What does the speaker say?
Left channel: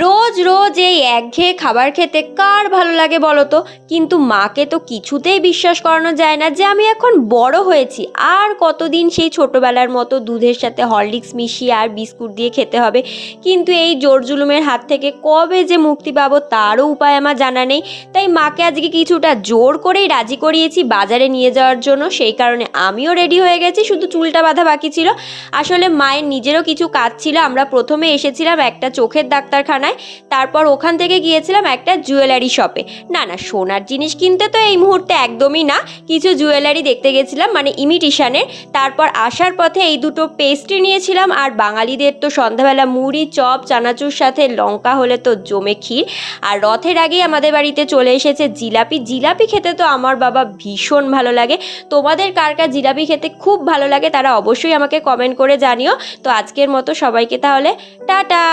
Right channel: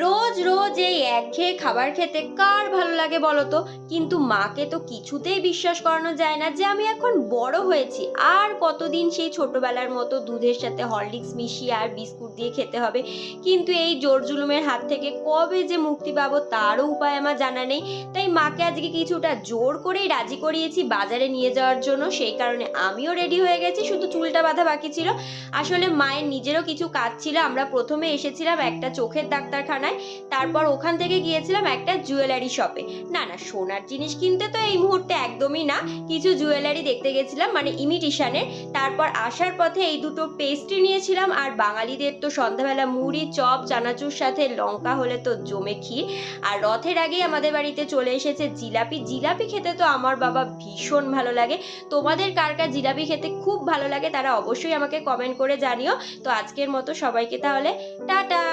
রোজ রোজ এই একঘেয়ে খাবার খেতে কার ভালো লাগে বলো তো? কিন্তু মাকে তো কিছুতেই বিশ্বাস করানো যায় না যে আমি এখন বড় হয়েছি, আর কতদিন সেই ছোটবেলার মতো দুধের সাথে হরলিক্স মিশিয়ে আর বিস্কুট দিয়ে খেতে হবে। কিন্তু এই জোর জুলুমের হাত থেকে কবে যে মুক্তি পাবো তারও উপায় আমার জানা নেই। তাই মাকে আজকে কিছুটা জোর করেই রাজি করিয়েছি বাজারে নিয়ে যাওয়ার জন্য, সেই কারণে আমিও রেডি হয়ে গেছি, শুধু চুলটা বাঁধা বাকি ছিল। আসলে মায়ের নিজেরও কিছু কাজ ছিল, আমরা প্রথমে এসেছিলাম একটা চোখের ডাক্তারখানায়, তারপর ওখান থেকে গিয়েছিলাম একটা জুয়েলারি শপে। না না, সোনার জিনিস কিনতে তো এই মুহূর্তে একদমই না, কিছু জুয়েলারি দেখতে গেছিলাম, মানে ইমিটিশনের। তারপর আসার পথে এই দুটো পেস্ট্রি নিয়েছিলাম, আর বাঙালিদের তো সন্ধ্যাবেলা মুড়ি চপ চানাচুর সাথে লঙ্কা হলে তো জমে ক্ষীর। আর রথের আগেই আমাদের বাড়িতে চলে এসেছে জিলাপি। জিলাপি খেতে তো আমার বাবা ভীষণ ভালো লাগে। তোমাদের কার কার জিলাপি খেতে খুব ভালো লাগে তারা অবশ্যই আমাকে কমেন্ট করে জানিও। তো আজকের মতো সবাইকে তাহলে টাটা।